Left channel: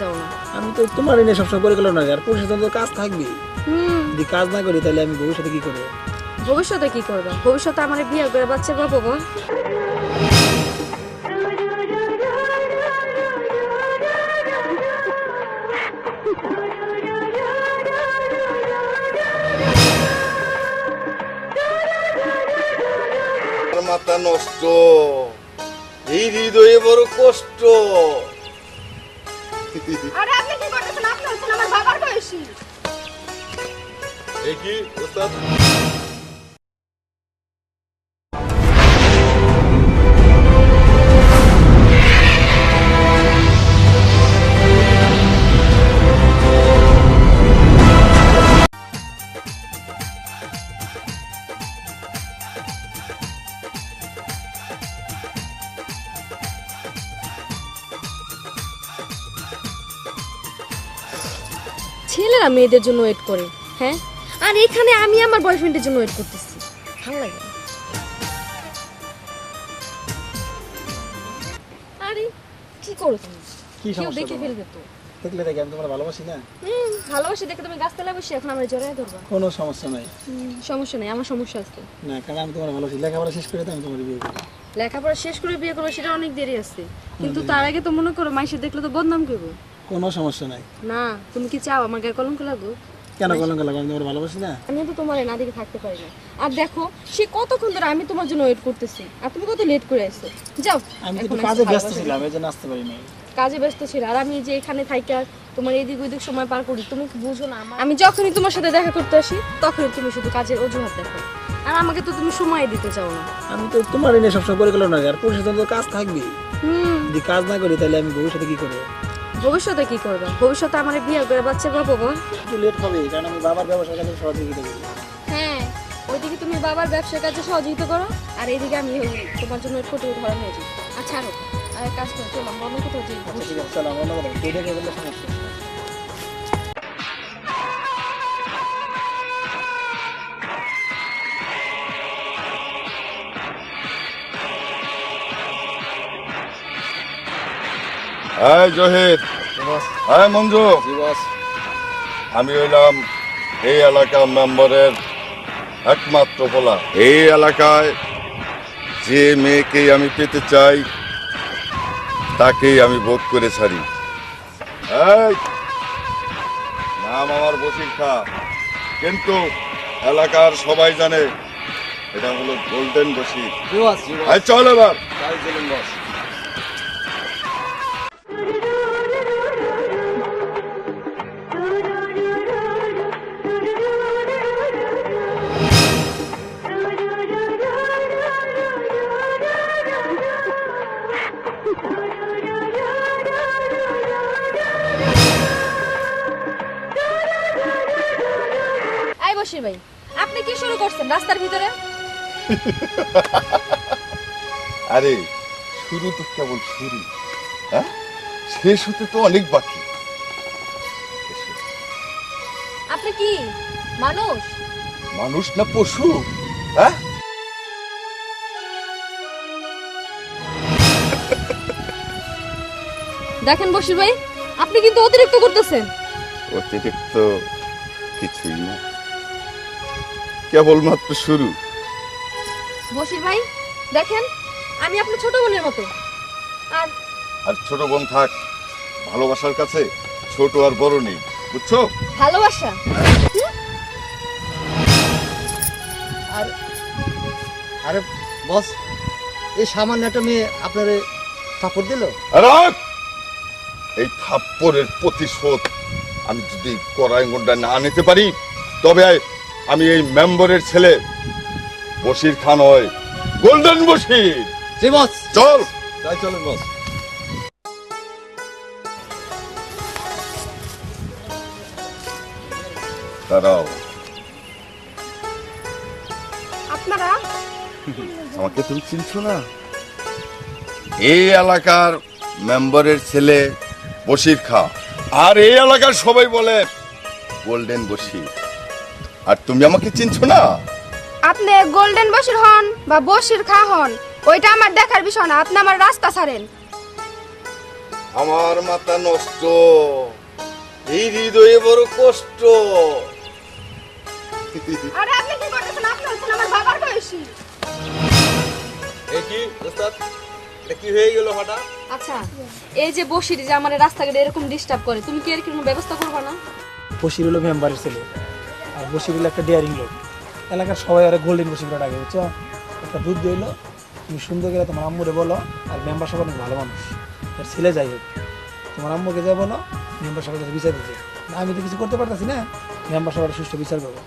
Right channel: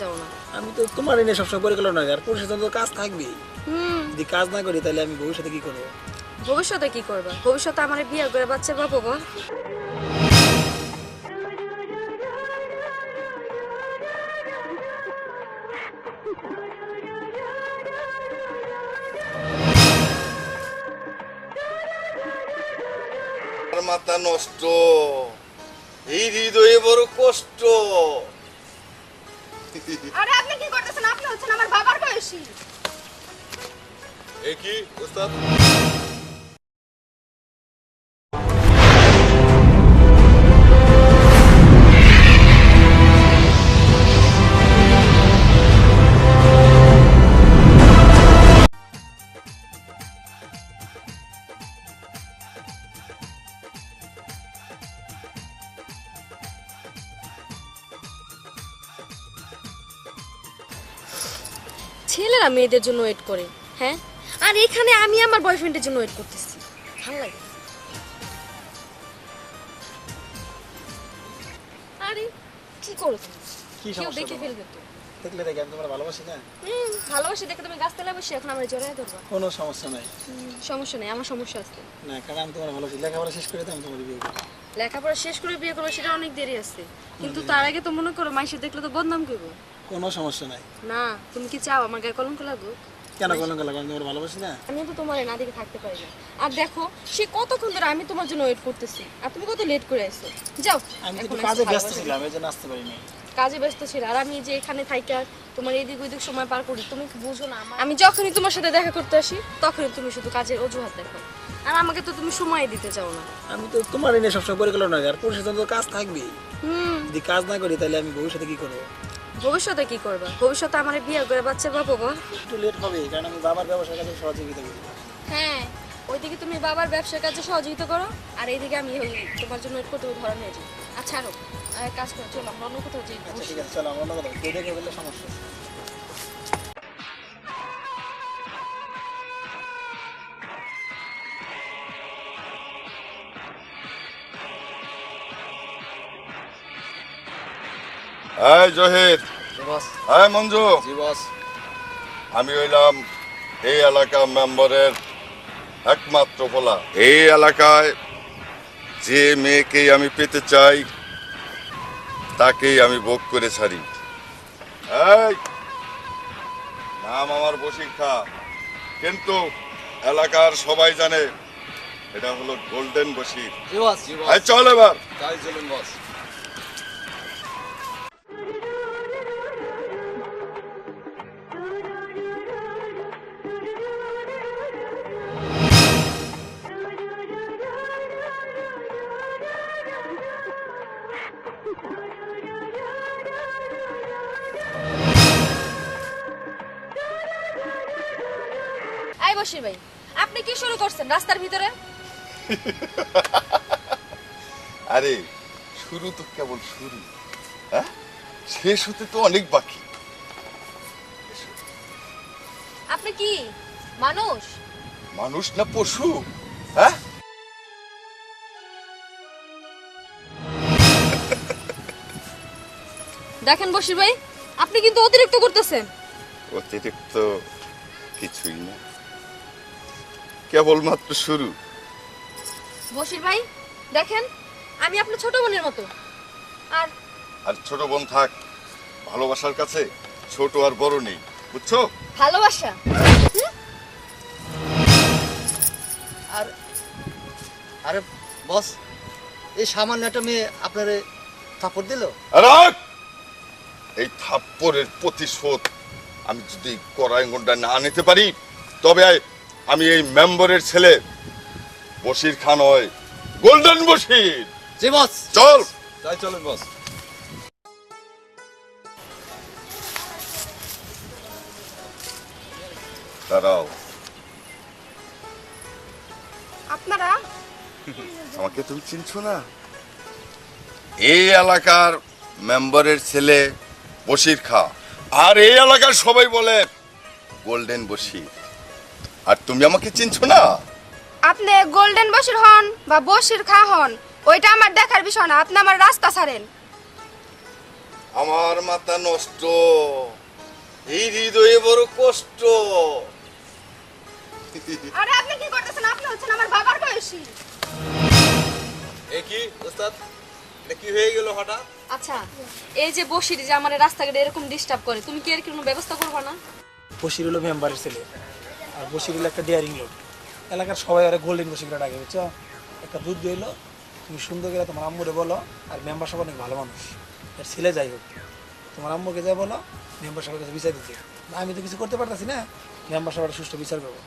যাও না। আমি তো তোমার এনে সবসময় করে গেল না, আর পুরুষের জন্য কাজ থাকবে। যদি কাজ না করি তাহলে আমি ভবিষ্যতে কি করবো? ভবিষ্যতে কি করবে? ভবিষ্যতে আমার বিয়ে করে বাচ্চা পাবো। মাথা নষ্ট, এই হৃদয়ে বড় কষ্ট। আরে আপনি কি করতেছেন? আপনি হচ্ছেন আমার বাবার বয়সী। এ কি ওস্তাদ? ছেলেরা মেয়েদের জন্য ওয়েট করে, হ্যাঁ, আর এখানে আমি আমার বয়ফ্রেন্ডের জন্য ওয়েট করতেছি। ভালো লাগে না। আরে কি করো তুমি? কি কেউ সমস্যা দেখে তোমার? ফেলবে তো। দেখলে দেখে আমি তোমার ভালোবাসি না। ভালোবাসি দেখে তুমি গাছতলায় বসে এখন আমার জড়ায় ধরবা। কোনো সমস্যা নাই। সমস্যা নেই, আমার সমস্যা আছে। না, কারণ আমি তোমার ভালোবাসি। লেখাপড়া শেষ করে তো আমি তোমার বিয়ে করবো। লেখাপড়া শেষ করে বিয়ে করবো সেটা অনেক দেরি আছে, কিন্তু তার আগে তো মনে করো মাইসে দেখলে তো বদনাম করবো। কোনো সমস্যা নাই। না, তুমি কি চাও আমার গায়ে কলঙ্ক লাগুক? কেন কলঙ্ক লাগবে? আমি তোমার ভালোবাসি না। আমি তো তোমার না দেখে থাকতে পারি না। আর দেখো সে কতক্ষণ ধরে আমি তোমার জন্য ওয়েট করতেছি, আর তুমি কত লেট করে আসছো। যাও, আমি এখন তো আসো কাজে ব্যস্ত ভালোবাসা ছিলাম, নিয়ে। এই জন্য আসতে পারি নাই। কাজে ব্যস্ত ছিল, আর আমি যে এখানে থাকি আর তোমার এদিক ওইদিক সময় পার করি, তুমি কি বুঝো না? আমি যখনই তোমার সাথে দেখা করতে আসি তখনই তুমি শুধু কাজের অজুহাত দেখো, আর আমাকে তো তুমি সময় দিতে চাও না। আমি তো তোমার এনে সবসময় করে গেল না, আর পুরুষের জন্য কাজ থাকবে। যদি কাজ না করি তাহলে আমি ভবিষ্যতে কি করবো? ভবিষ্যতে কি করবে? ভবিষ্যতে আমার বিয়ে করে বাচ্চা পাবো। একটু লেট হবে, কারণ আমি বাবার ব্যবসার কাছে সহযোগিতা করি। হ্যাঁ, ওইদিকে তুমি বাবার ব্যবসার কাজে সহযোগিতা করো, আর এইদিকে আমি তোমার জন্য কোটি ধরা নিয়ে যাই। আচ্ছা আরো আর এক কাজ করো, চলো আমরা অন্য কোথাও যাই। আচ্ছা ঠিক আছে, চলো আমরা অন্য কোথাও। কেউ দেখে বললে সমস্যা। এই জহির, এই মঞ্জু, আমি হইলাম এই এলাকার মেম্বারের একমাত্র বলা। এই এলাকায় যে মেয়েকে আমি পেতে চাই তাকেই আমি ভোট করে ছাড়ি। এই নাম আমার বসির খা, কিন্তু এলাকার সবাই জানে এটা হলো গোল্ডেন বসির। এই চল এবার। আই বসির ভাই, আপনি কি শুরু করছেন রাস্তার ভিতরে? আরে শুরু তো কেবল শুরু, হ্যাঁ, শেষ হতে তো অনেক বাকি। আপনি কি মানুষ? মানুষ না পশু? হ্যাঁ, দেখেন বসির ভাই, আপনি কিন্তু অতিরিক্ত করতেছেন। অতিরিক্ত কিছুই না, কেবলমাত্র শুরু। বসির ভাই দেখেন, আমি আপনার ছোট বোনের মতো। আর আর ছোট বোন থাক, ভালোবাসার কাছে ছোট আর বড় নেই, বুঝছো? ভালোবাসা আর আরে বস, এই সামান্য একটা মেয়ে আপনারে সাপোর্ট দিল। আর এই থাপ্পড়ের প্রতিশোধ আমি যদি করাইগন্ডা না নিতে পারি, তবে আমি এই মেম্বারের ছেলে বশির খান হয়, গোল্ডেন বশির। জি বস, চল তাই চলুন বস। দাঁড়াও, আপনারা আমাকে তুমি চিনছো না? এই এলাকার মেম্বারের ছেলে বশির খা, আর এই এলাকার সবাই বলে গোল্ডেন বশির। আর তুমি আমাকে চিনছো না? আপনি গোল্ডেন বশির হন বা বশির খা হন, ওইটা আমার দেখার বিষয় না। আপনি আমার রাস্তা ছাড়েন। আমার মাথা নষ্ট, এই হৃদয়ে বড় কষ্ট। আরে আপনি কি করতেছেন? আপনি হচ্ছেন আমার বাবার বয়সী। এ কি ওস্তাদ, এটা কি হয়ে গেল হঠাৎ? আচ্ছা, এই যে বসির যে আমার রাস্তাঘাটে এরকম ডিস্টার্ব করে, তুমি কি এর কোনো ব্যবস্থা করবে না? বসির হলো মেম্বারের ছেলে, আর বসির হলো একটা ডেয়ারিং লোক। এলাকার সবাই আরে গোল্ডেন বসির করে ডাকে, বুঝছো? একটা দুধ দইলো, তুমি সুন্দর করে তোমার আম্মুরে বলো, আর মেম্বার সব অনেক ভালো মানুষ, আর ছেলে যাই হোক, তোমার আম্মুকে যা বলো, মেম্বার সবার কাছে বিচার দিতে। আমি তো কিছু করতে পারতেছি না, মেম্বার সবার সুষ্ঠু বিচার করবো।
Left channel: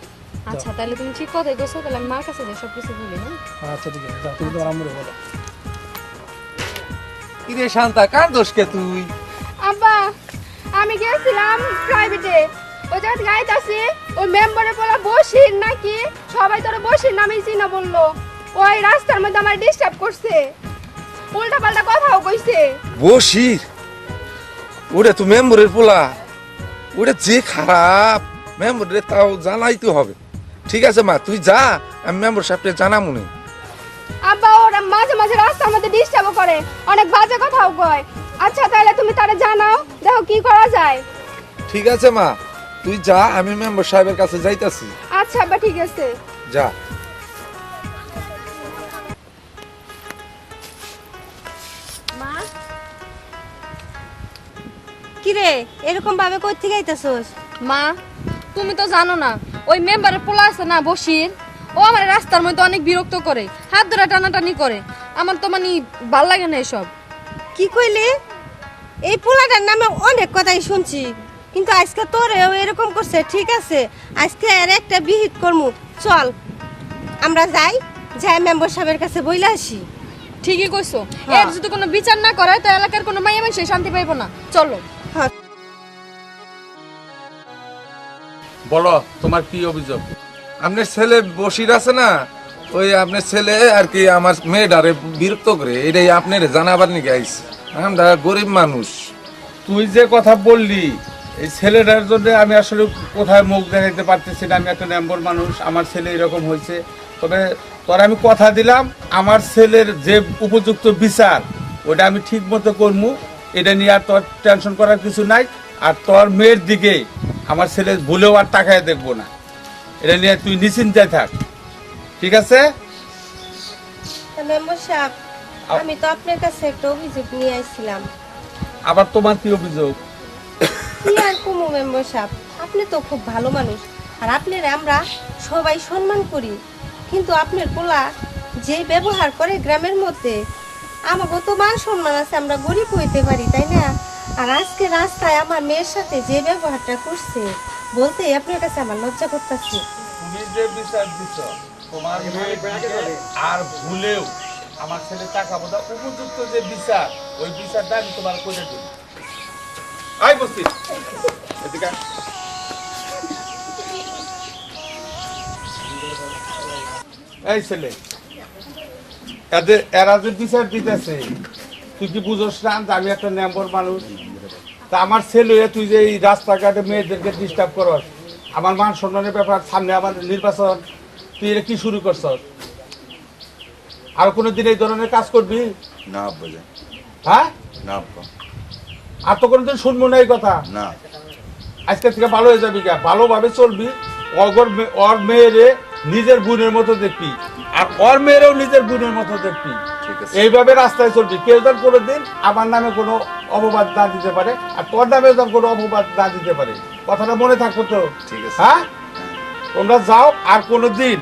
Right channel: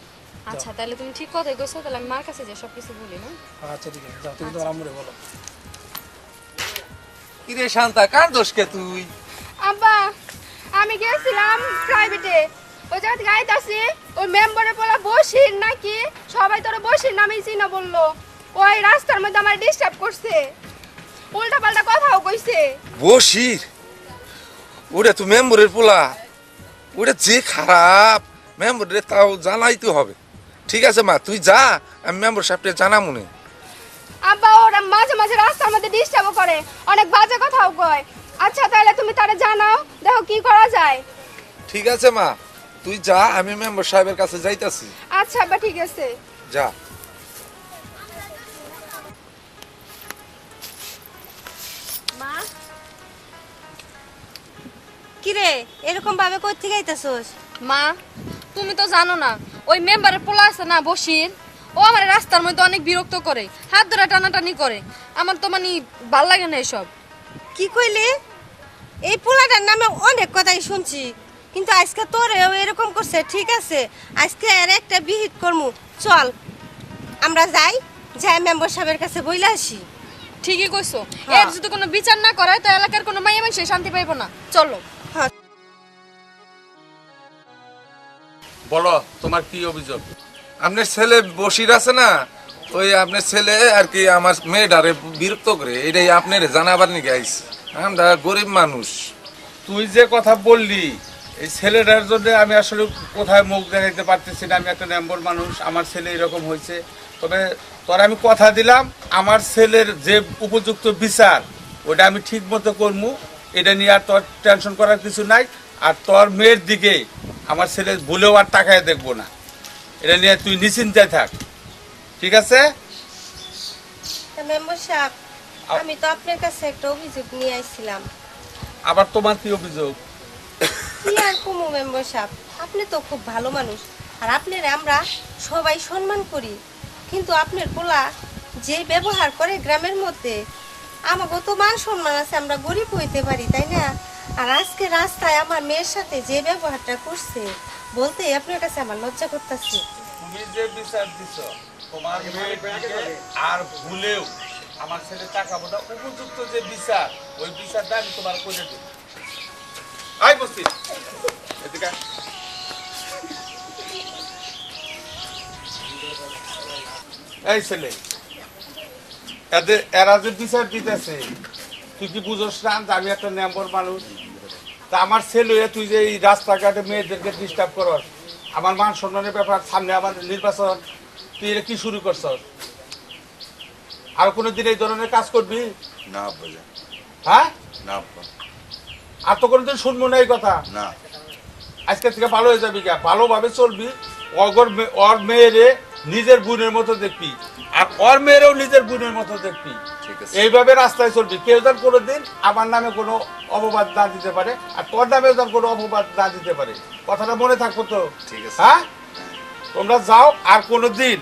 আচ্ছা, তাহলে তুমি ঠিক কথাই বলছো, তাহলে আমি মার কাছে যাই সব কিছু বলি না। আচ্ছা ঠিক আছে, যাও তুমি তোমার আম্মুরে বলো। কিরে শান্তা, কার দোষকে তুই? আব্বা, আমি গেছিলাম প্রাইভেটে, ওই জায়গায় গাইতাছি, ওই মেম্বারে বলা বসির নাকি, সবাই তোরা বসির নামেই চিনা বললো। ওই রাস্তার মধ্যে আমার ডিস্টার্ব করছে, উল্টা পাল্টা কথাও কইছে। বসির, ওটা তো মেম্বরের পোলা, ওটা যে খারাপ, মেম্বরের তাও জানাইতে হবে। ঠিক আছে মা, তুই যা, আমি মেম্বার সাহেবকে জানাবো নি। আব্বা ওরা মাঝে মাঝে রাস্তার মধ্যে ডিস্টার্ব করে, অনেক বাজে কথাও কয়। আচ্ছা তাহলে তুমি তারে জানাও, দেখো কি করা যায়। ঠিক আছে মা, তুই যা, আমি মেম্বার সাহেবের কাছে যাইতাছি। আচ্ছা আব্বা ঠিক আছে। যা। মা, কিরে এরকম ভাবে কই থেকে আইতাছস? মা, তুমি তো জানো না, ওই মেম্বারের পোলা আছে না বসির, ও আমার রাস্তার মধ্যে অনেক বিরক্ত করে, হাত ধরে টানাটানি করে। আমার তো মানে ভাল লাগে না এসব। কি কইলি? এই পোলাটার নামে অনেক কথাই শুনছি, কিন্তু আজকে তোরেও এরকম করছে। ঠিক আছে, আজকে আর একটা বিহিত করমু, চল আমরা যাই, যাই মেম্বার সাহেবের কাছে বইলা আসি। ঠিকই কইছো, হ্যাঁ। এর যদি কোনো বিচার না করে তো এলাকার কোনো মাইয়া মানুষ শান্তি পাইবো না। চলো। বলো, তোমার কি অভিযোগ? আপনার ছেলে বসির আছে না, ওই আপনার ছেলে আর কি আমার মেয়েটারে বিরক্ত করে, এটাই আপনার জানাবার নিয়ে আইছি। আমরা গরিব মানুষ। তুই যে কথা বললি, এই ছেলেটার জন্য আমি আসলে কোথায় মুখ দেখাইতে পারতেছি না। আমি একটা মেম্বার মানুষ, আমার ছেলে এরকম হয়েছে। তবে তোর আমি কথা দিলাম, আমার ছেলের যে উপযুক্ত বিচার ওটা আমি ঠিক মতো করবো। এটা নিয়ে আর তোর টেনশন করার কিছু নাই। আর তোর মেয়ের দিকে আমার ছেলে ভুলেও আর তাকায় দেখবো না। এটা নিয়ে তুই নিশ্চিন্তায় থাক, ঠিক আছে? মেম্বার সাহেব, আমি তো আপনার কাছে একটা অভিযোগ নিয়ে আইছিলাম। আবার তোমার কি অভিযোগ? কি আর কমু মেম্বার সাহেব, আপনি তো খুব ভালো মানুষ, আর আপনার আমরা সবাই সম্মান করি, কিন্তু আপনার পোলা যে ব্যবহার করে গ্রামের মধ্যে, আমাকে তো মান সম্মান আছে, আমরা গরিব হইতে পারি, তাই না? আর আজকে রাস্তায় আমার মেয়ের সাথে যে ব্যবহারটা করছে, বলতে আপনার কাছে আমার লজ্জা করতেছে। তুমি যে বিচার দিছ, তোমার মেয়ের দিকে আর ভুলেও আমার ছেলে তাকাবো না। উপযুক্ত যে বিচার, ওই বিচারটা আমি তোমার করে দিই। আই বসি এদিকে আয়। এই ছেলে, এরা যে বিচার দিতেছে, তুই কি বুঝোস না যে আমি একটা মেম্বার মানুষ? তা আমার ছেলে তুই যে এই রাস্তাঘাটে মেয়েদেরকে ডিস্টার্ব করস, আমার মান সম্মানের ব্যাপার, সামনে আমার নির্বাচন, তুই এটা কি শুরু করছ? আর কোনোদিন এই ধরনের কাজ করবি? না বোঝা, হ্যাঁ, না আব্বা, আর তো কোনোদিন শুনবো না এই কথা। না। আজকে থেকে ভালো হয়ে যাবি, ভালোভাবে চলবি। ওর মেয়েরে নিজের বোনের মতো দেখবি, আর ওর মেয়েরেও নিজের বোনের মতো দেখবি। ঠিক আছে। এইভাবে রাস্তায় চলবি। কেউ যেন কোনোদিন আমার নামে কোনো অপবাদ না দিতে পারে, আর তোর নামে যেন কোনো অপবাদ না দিতে পারে। কথাটা মনে থাকবো তো? ঠিক আছে। হ্যাঁ, তোমরা যাও, আর কোনোদিন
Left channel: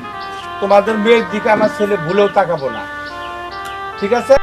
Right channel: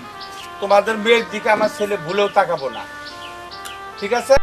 তোমাদের মেয়ের দিকে আমার ছেলে ভুলেও তাকাবো না, ঠিক আছে?